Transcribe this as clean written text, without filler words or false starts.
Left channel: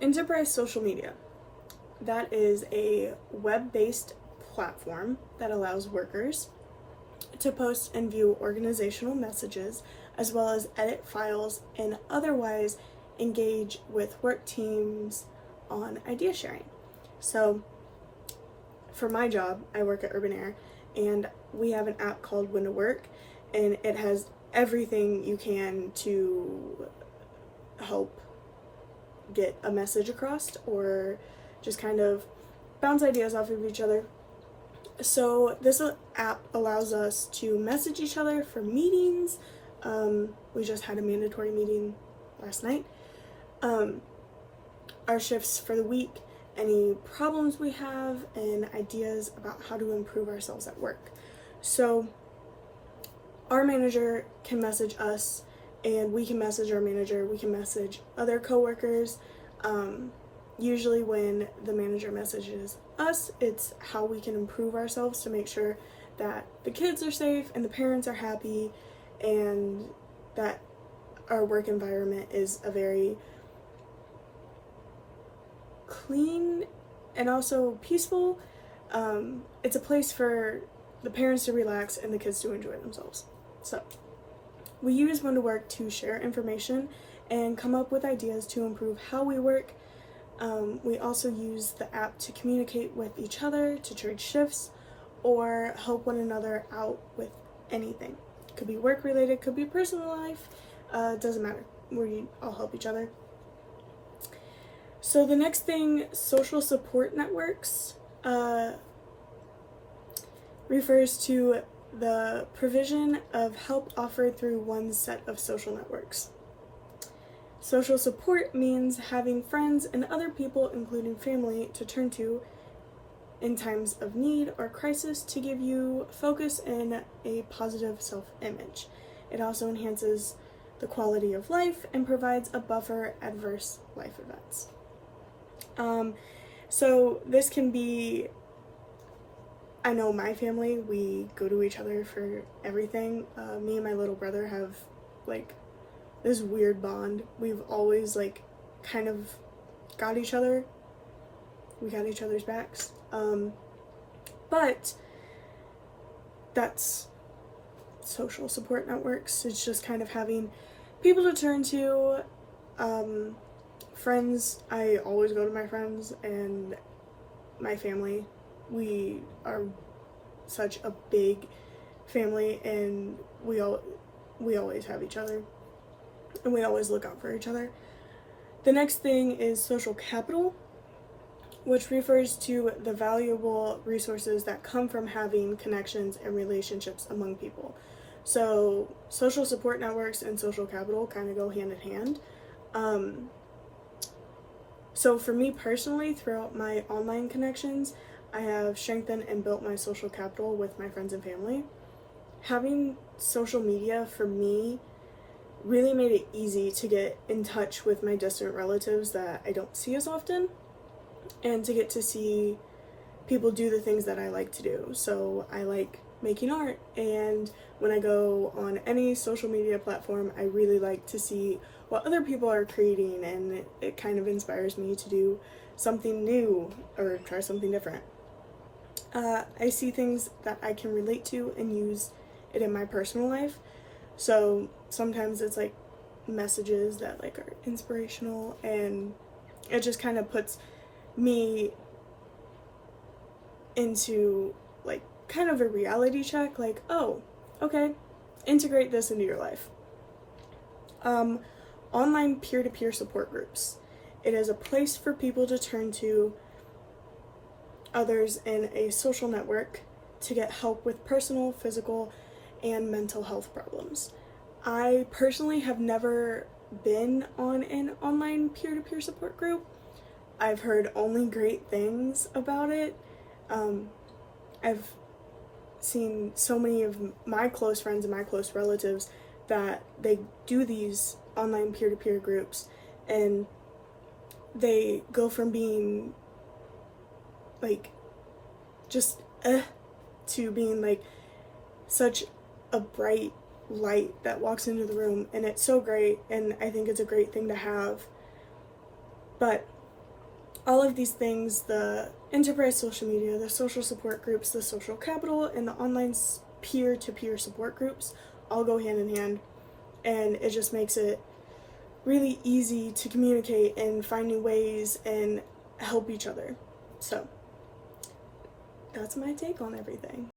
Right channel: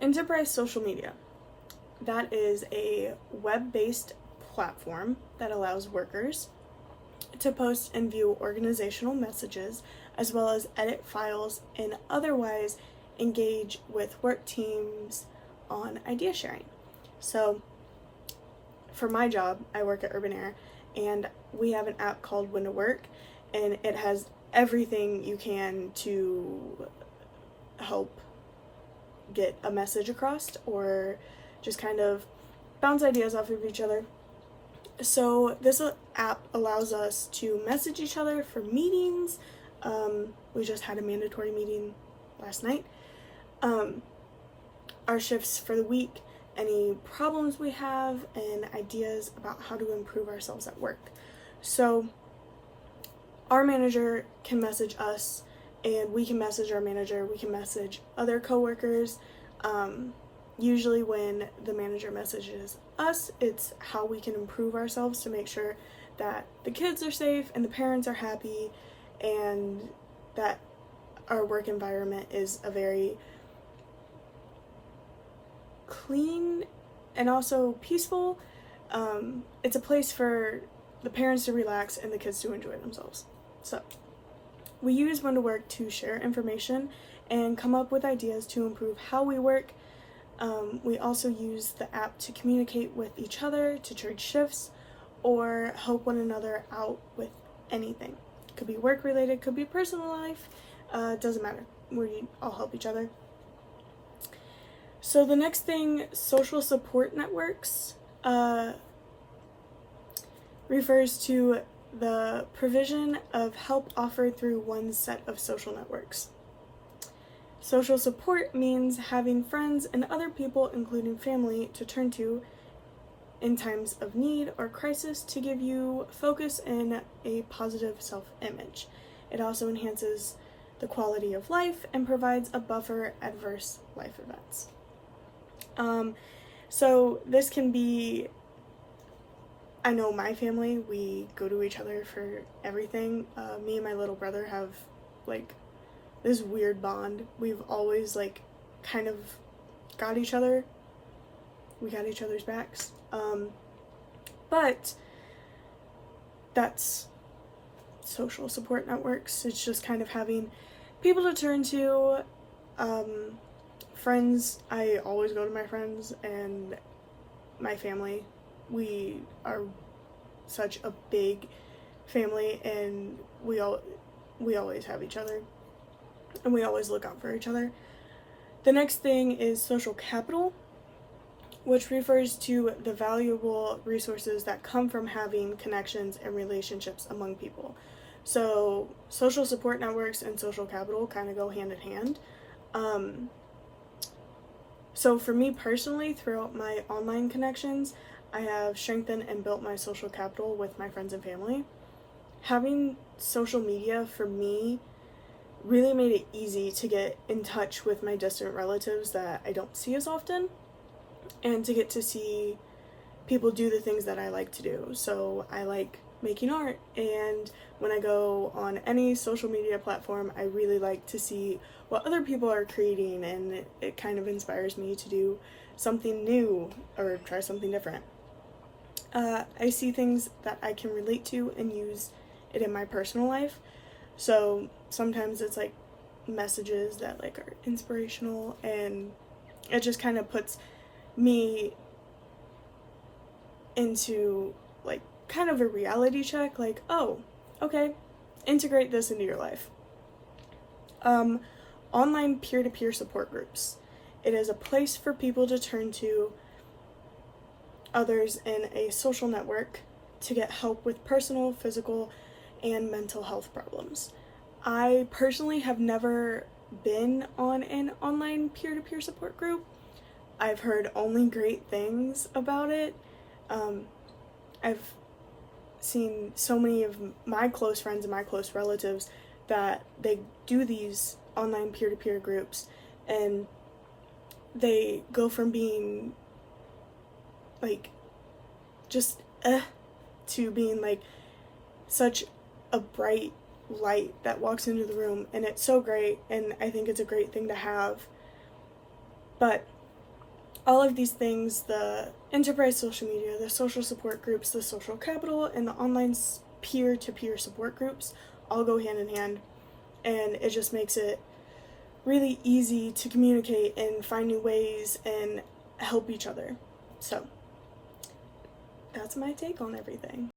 Enterprise social media. That is a web-based platform that allows workers to post and view organizational messages as well as edit files and otherwise engage with work teams on idea sharing. So for my job, I work at Urban Air and we have an app called When to Work, and it has everything you can to help get a message across or just kind of bounce ideas off of each other. So this app allows us to message each other for meetings. We just had a mandatory meeting last night. Our shifts for the week, any problems we have, and ideas about how to improve ourselves at work. So our manager can message us, and we can message our manager. We can message other coworkers. Usually when the manager messages us, it's how we can improve ourselves to make sure that the kids are safe and the parents are happy and that our work environment is a very clean and also peaceful. It's a place for the parents to relax and the kids to enjoy themselves. So we use When to Work to share information and come up with ideas to improve how we work. We also use the app to communicate with each other, to trade shifts, or help one another out with anything. Could be work related, could be personal life, it doesn't matter. We all help each other. So the next thing, social support networks, refers to the provision of help offered through one set of social networks. Social support means having friends and other people, including family, to turn to in times of need or crisis to give you focus and a positive self-image. It also enhances the quality of life and provides a buffer adverse life events. So this can be, I know my family, we go to each other for everything. Me and my little brother have like this weird bond. We've always like kind of got each other. We got each other's backs. But that's social support networks. It's just kind of having people to turn to. Friends, I always go to my friends and my family. We are such a big family and we always have each other and we always look out for each other. The next thing is social capital, which refers to the valuable resources that come from having connections and relationships among people. So social support networks and social capital kind of go hand in hand. So for me personally, throughout my online connections, I have strengthened and built my social capital with my friends and family. Having social media for me really made it easy to get in touch with my distant relatives that I don't see as often, and to get to see people do the things that I like to do. So I like making art, and when I go on any social media platform, I really like to see what other people are creating, and it kind of inspires me to do something new or try something different. I see things that I can relate to and use it in my personal life. So sometimes it's like messages that like are inspirational, and it just kind of puts me into like kind of a reality check, like, oh, okay, integrate this into your life. Online peer-to-peer support groups. It is a place for people to turn to others in a social network to get help with personal, physical, and mental health problems. I personally have never been on an online peer-to-peer support group. I've heard only great things about it. I've seen so many of my close friends and my close relatives that they do these online peer-to-peer groups, and they go from being like just to being like such a bright light that walks into the room, and it's so great, and I think it's a great thing to have. But all of these things, the enterprise social media, the social support groups, the social capital, and the online peer-to-peer support groups all go hand in hand, and it just makes it really easy to communicate and find new ways and help each other. So that's my take on everything.